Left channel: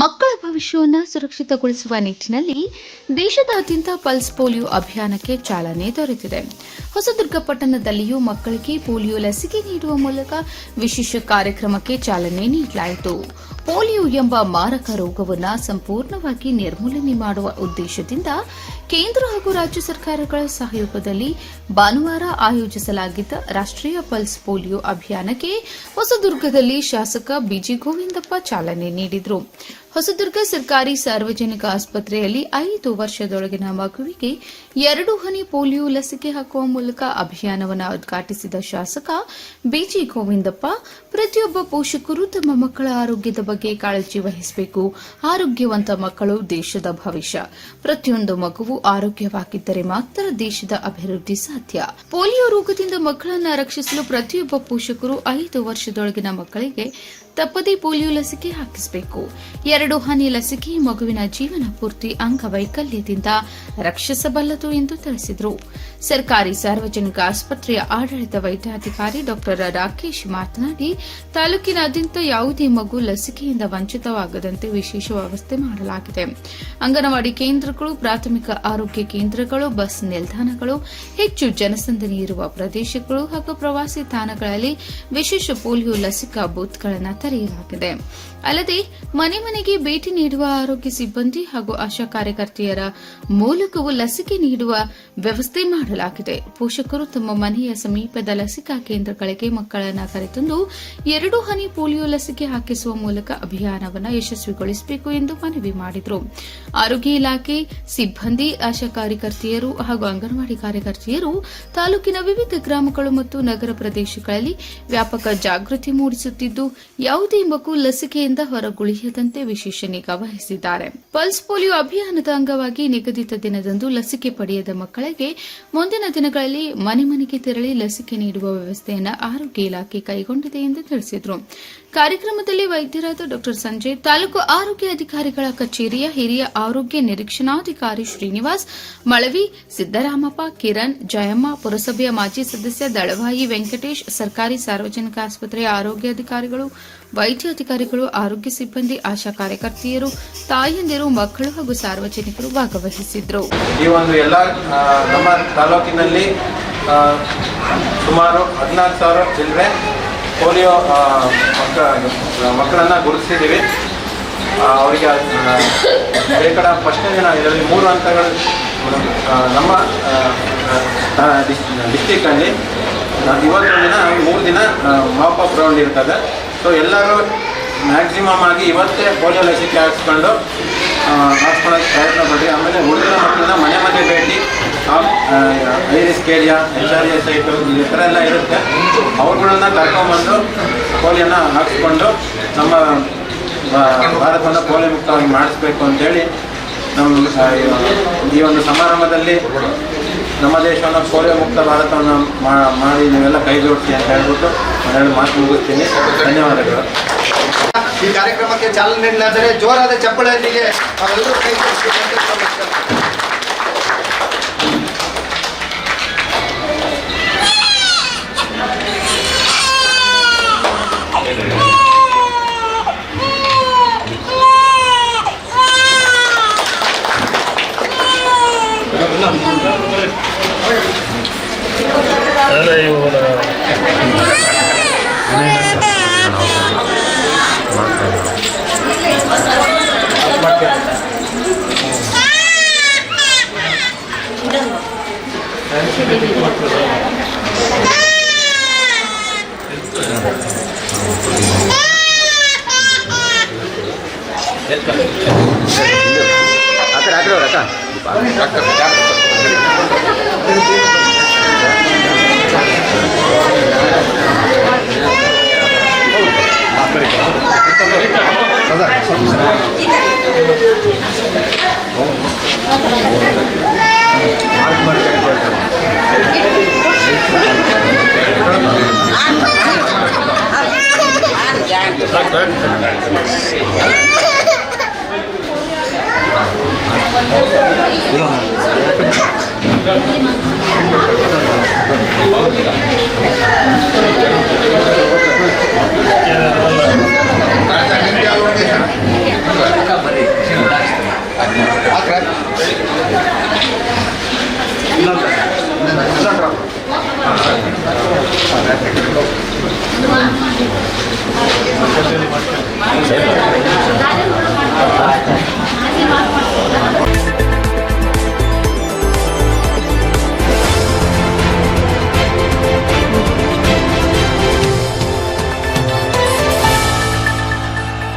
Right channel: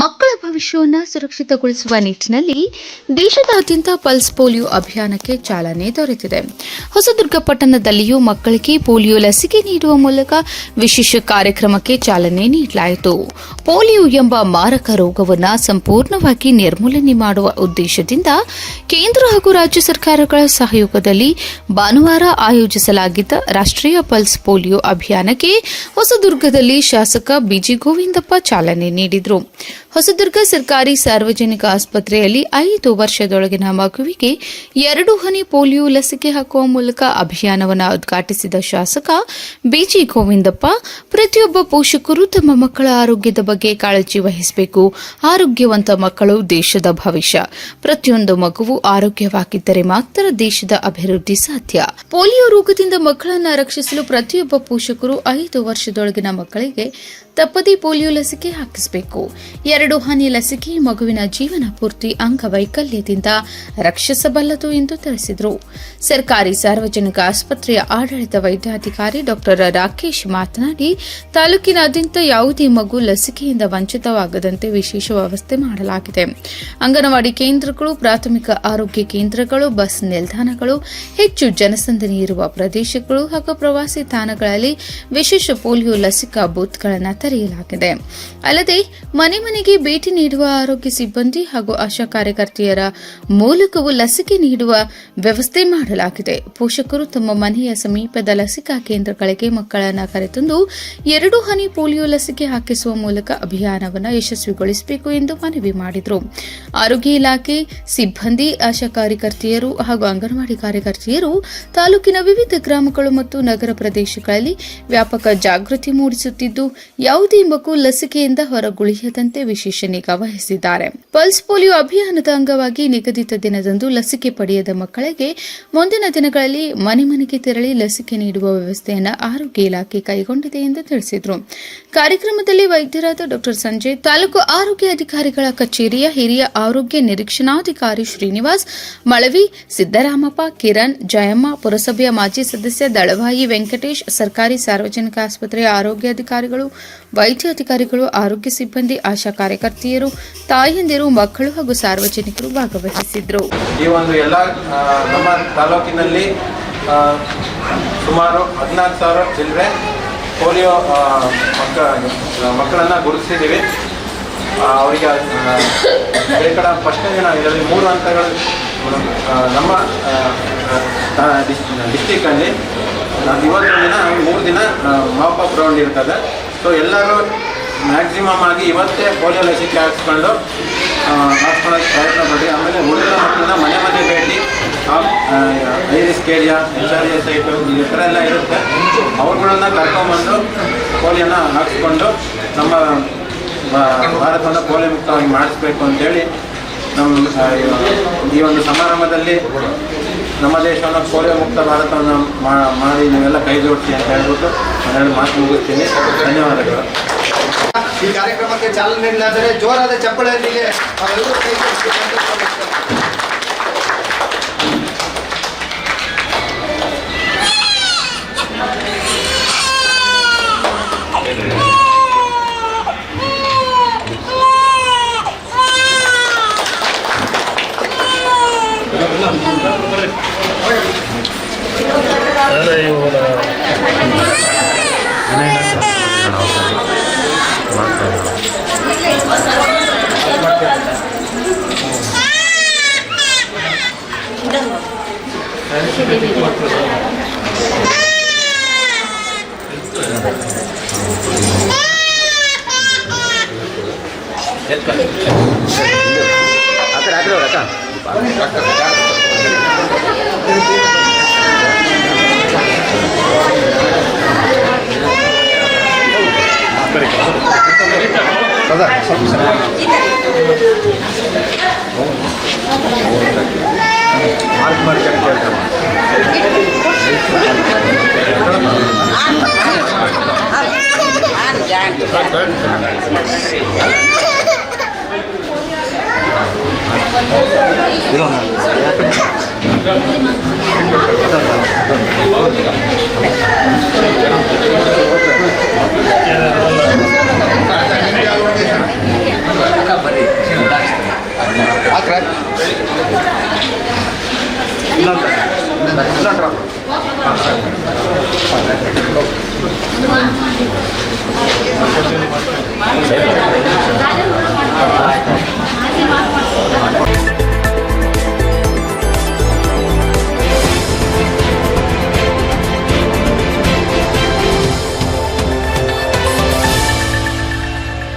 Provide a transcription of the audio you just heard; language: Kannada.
ಮಕ್ಕಳ ಭವಿಷ್ಯವನ್ನು ಸುರಕ್ಷಿತಗೊಳಿಸುವ ನಿಟ್ಟಿನಲ್ಲಿ ದೇಶದಾದ್ಯಂತ ಪಲ್ಸ್ ಪೋಲಿಯೋ ಅಭಿಯಾನಕ್ಕೆ ಚಾಲನೆ ದೊರೆತಿದೆ. ಹೊಸದುರ್ಗ ಪಟ್ಟಣದಲ್ಲಿಯೂ ಮಕ್ಕಳಿಗೆ ಪೋಲಿಯೋ ಲಸಿಕೆ ನೀಡುವ ಮೂಲಕ ವಿಶೇಷ ಕಾರ್ಯಕ್ರಮಕ್ಕೆ ಚಾಲನೆ ನೀಡಲಾಯಿತು. ಪೋಲಿಯೋ ಎಂಬ ಮಾರಕ ರೋಗವನ್ನು ಸಂಪೂರ್ಣವಾಗಿ ನಿರ್ಮೂಲನೆ ಮಾಡುವ ಉದ್ದೇಶದಿಂದ ಕೇಂದ್ರ ಹಾಗೂ ರಾಜ್ಯ ಸರ್ಕಾರಗಳ ಸಹಯೋಗದಲ್ಲಿ ಭಾನುವಾರ ಆಯೋಜಿಸಲಾಗಿದ್ದ ರಾಷ್ಟ್ರೀಯ ಪಲ್ಸ್ ಪೋಲಿಯೋ ಅಭಿಯಾನಕ್ಕೆ ಹೊಸದುರ್ಗದಲ್ಲಿ ಶಾಸಕ ಬಿಜಿ ಗೋವಿಂದಪ್ಪ ಚಾಲನೆ ನೀಡಿದರು. ಹೊಸದುರ್ಗ ಸರ್ಕಾರಿ ಸಾರ್ವಜನಿಕ ಆಸ್ಪತ್ರೆಯಲ್ಲಿ 5 ವರ್ಷದೊಳಗಿನ ಮಗುವಿಗೆ 2 ಹನಿ ಪೋಲಿಯೋ ಲಸಿಕೆ ಹಾಕುವ ಮೂಲಕ ಅಭಿಯಾನವನ್ನು ಉದ್ಘಾಟಿಸಿದ ಶಾಸಕ ಬಿಜಿ ಗೋವಿಂದಪ್ಪ, ಪ್ರತಿಯೊಬ್ಬ ಪೋಷಕರು ತಮ್ಮ ಮಕ್ಕಳ ಆರೋಗ್ಯದ ಬಗ್ಗೆ ಕಾಳಜಿ ವಹಿಸಬೇಕು. ಆರೋಗ್ಯವಂತ ಮಕ್ಕಳು ದೇಶದ ಭವಿಷ್ಯ. ಪ್ರತಿಯೊಂದು ಮಗುವು ಆರೋಗ್ಯವಾಗಿದ್ದರೆ ಮಾತ್ರ ದೇಶದ ಅಭಿವೃದ್ಧಿ ಸಾಧ್ಯ. ಪೋಲಿಯೋ ರೋಗದಿಂದ ಮಕ್ಕಳನ್ನು ರಕ್ಷಿಸಲು ಪ್ರತಿಯೊಬ್ಬ ಪೋಷಕರು 5 ವರ್ಷದೊಳಗಿನ ಮಕ್ಕಳಿಗೆ ತಪ್ಪದೇ ಪೋಲಿಯೋ ಲಸಿಕೆ ಹಾಕಿಸಬೇಕು. 2 ಹನಿ ಲಸಿಕೆ ಮಗುವಿನ ಜೀವನ ಪೂರ್ತಿ ಅಂಗವೈಕಲ್ಯದಿಂದ ರಕ್ಷಿಸಬಲ್ಲದು ಎಂದು ತಿಳಿಸಿದರು. ಸರ್ಕಾರಿ ಸಾರ್ವಜನಿಕ ಆಸ್ಪತ್ರೆಯ ಆಡಳಿತ ವೈದ್ಯಾಧಿಕಾರಿ ಡಾ ರಾಕೇಶ್ ಮಾತನಾಡಿ, ತಾಲೂಕಿನಾದ್ಯಂತ ಯಾವುದೇ ಮಗು ಲಸಿಕೆಯಿಂದ ವಂಚಿತವಾಗದಂತೆ ವಿಶೇಷ ವ್ಯವಸ್ಥೆ ಮಾಡಲಾಗಿದೆ. ಅಂಗನವಾಡಿ ಕೇಂದ್ರಗಳು, ಪ್ರಾಥಮಿಕ ಆರೋಗ್ಯ ಕೇಂದ್ರಗಳು, ಬಸ್ ನಿಲ್ದಾಣಗಳು, ಹೆಚ್ಚು ಜನಸಂದಣಿ ಇರುವ ಪ್ರದೇಶಗಳು ಹಾಗೂ ಪ್ರವಾಸಿ ತಾಣಗಳಲ್ಲಿ ವಿಶೇಷ ಪೋಲಿಯೋ ಲಸಿಕಾ ಬೂತ್ಗಳನ್ನು ತೆರೆಯಲಾಗಿದೆ. ಅಲ್ಲದೆ ಮನೆ ಮನೆಗೆ ಭೇಟಿ ನೀಡುವ ಆರೋಗ್ಯ ಸಿಬ್ಬಂದಿ ಹಾಗೂ ಆಶಾ ಕಾರ್ಯಕರ್ತೆಯರ ಮೂಲಕವೂ ಲಸಿಕೆ ನೀಡುವ ವ್ಯವಸ್ಥೆ ಮಾಡಲಾಗಿದೆ. ಪೋಷಕರು ತಮ್ಮ ಮನೆಯ ಸಮೀಪದ ಲಸಿಕಾ ಕೇಂದ್ರಗಳಿಗೆ ಮಕ್ಕಳನ್ನು ಕರೆತಂದು 2 ಹನಿ ಪೋಲಿಯೋ ಲಸಿಕೆ ಹಾಕಿಸುವ ಮೂಲಕ ಅಭಿಯಾನವನ್ನು ಯಶಸ್ವಿಗೊಳಿಸಬೇಕು ಎಂದು ಮನವಿ ಮಾಡಿದರು. ಆರೋಗ್ಯ ಇಲಾಖೆ ಸಿಬ್ಬಂದಿ, ಆಶಾ ಕಾರ್ಯಕರ್ತೆಯರು ಹಾಗೂ ಅಂಗನವಾಡಿ ಕಾರ್ಯಕರ್ತೆಯರು ತಾಲೂಕಿನ ವಿವಿಧ ಗ್ರಾಮಗಳು ಮತ್ತು ನಗರ ಪ್ರದೇಶಗಳಲ್ಲಿ ವ್ಯಾಪಕ ಜಾಗೃತಿ ಮೂಡಿಸುತ್ತಿದ್ದು, ಯಾವುದೇ ಮಗು ಲಸಿಕೆಯಿಂದ ಹೊರಗುಳಿಯದಂತೆ ವಿಶೇಷ ನಿಗಾ ವಹಿಸಿದ್ದಾರೆ. ಪಲ್ಸ್ ಪೋಲಿಯೋ ಅಭಿಯಾನದ ಅಂಗವಾಗಿ ನಿಗದಿತ ದಿನದಂದು ಲಸಿಕೆ ಪಡೆಯದ ಮಕ್ಕಳಿಗೆ ಮುಂದಿನ ದಿನಗಳಲ್ಲಿ ಮನೆ ಮನೆಗೆ ತೆರಳಿ ಲಸಿಕೆ ನೀಡುವ ವ್ಯವಸ್ಥೆಯನ್ನು ಆರೋಗ್ಯ ಇಲಾಖೆ ಕೈಗೊಂಡಿದೆ ಎಂದು ತಿಳಿಸಿದರು. ಕಾರ್ಯಕ್ರಮದಲ್ಲಿ ವೈದ್ಯರಾದ ಡಾ ಸಂಜಯ್, ತಾಲೂಕು ಆರೋಗ್ಯ ಅಧಿಕಾರಿಗಳ ಕಚೇರಿಯ ಹಿರಿಯ ಆರೋಗ್ಯ ನಿರೀಕ್ಷಣಾಧಿಕಾರಿ ಶ್ರೀನಿವಾಸ್, ಮಳವಿ, ಸಿದ್ದರಾಮಪ್ಪ, ಕಿರಣ್, ಜಯಮ್ಮ, ಪುರಸಭೆಯ ಮಾಜಿ ಸದಸ್ಯ ದಳವಾಯಿ ವೆಂಕಟೇಶ್, ಸರ್ಕಾರಿ ಸಾರ್ವಜನಿಕ ಆಸ್ಪತ್ರೆಯ ಆರೋಗ್ಯ ಅಧಿಕಾರಿಗಳು, ವೈದ್ಯ ಅಧಿಕಾರಿಗಳು, ಆರೋಗ್ಯ ಸಿಬ್ಬಂದಿ, ಆಶಾ ಕಾರ್ಯಕರ್ತೆಯರು, ತಾಯಂದಿರು, ಮಕ್ಕಳು ಹಾಗೂ ಸಾರ್ವಜನಿಕರು ಭಾಗವಹಿಸಿದ್ರು. ಈ ಒಂದು ಎಲ್ಲ ನಮ್ಮ ತಾಲೂಕಿನಲ್ಲಿ ಸುಮಾರು 14,000 ಚಿಲ್ಲರೆ ಪೋಲಿಯೋ ಮಕ್ಕಳನ್ನು ಗುರುತಿಸಿದ್ದೀವಿ. ಅವರಿಗೆ ಶೇಕಡ ಫಸ್ಟ್ನೇ ದಿನ ಇದರಲ್ಲಿ 3 ಹಂತಗಳು ನಮ್ಮ ಡಿಸ್ಟಿಕ್ಕಲ್ಲಿ ಇವತ್ತೊಂದು ದಿನ 3 ದಿನ ಮಾಪಪ್ ರೌಂಡ್ ಇರ್ತದೆ. ಸೊ ಎಲ್ಲರೂ ಮ್ಯಾಕ್ಸಿಮಮ್ ಆಗಿ ಇವತ್ತೇ ಪೋಲಿಯೋ ಲಸಿಕೆ ಹಾಕ್ಸ್ಕೊಳ್ಳೋಕ್ಕೆ ಪ್ರಯತ್ನ ಪಡಿ. ಆಮೇಲೆ ಉಳಿದ ಮಕ್ಕಳನ್ನ ಮನೆ ಮನೆ ಭೇಟಿ, I risk area, HRA site ಈ ಥರ ಎಲ್ಲ ಇರುತ್ತೆ, ಅವ್ರುಗಳನ್ನ ಕರ್ಕೊಂಬಂದು ಪೋಲಿಯೋನ ಹಾಕ್ಸ್ಕೊಂಡು ನಮ್ಮ ಭಾರತವನ್ನು ಪೋಲಿಯೋ ಮುಕ್ತವಾಗಿ ಮಾಡಿಸ್ಬೇಕು ಅಂತೇಳಿ ನಮ್ಮ ಈ ಒಂದು ಸಮಾರಂಭದಲ್ಲಿ ನಮ್ಮ ದೇಶವನ್ನು ಪೋಲಿಯೋ ಮುಕ್ತ ಭಾರತವನ್ನು ಮಾಡಿ ನೀವೆಲ್ಲ ಕೈ ಜೋಡಿಸಿ ಅಂತ ಹೇಳ್ಬಿಟ್ಟು ನಾನು ಮಾತು ಮುಗಿಸ್ತೀನಿ. ಧನ್ಯವಾದಗಳು. ಈ ಕಾರ್ಯಕ್ರಮಕ್ಕೆ ಚಾಲನೆ ನೀಡಲಾದರೆ ಜೋರಾದ ಚಪ್ಪಳೆಯೊಂದಿಗೆ ನಾವೆಲ್ಲರೂ ಕೈ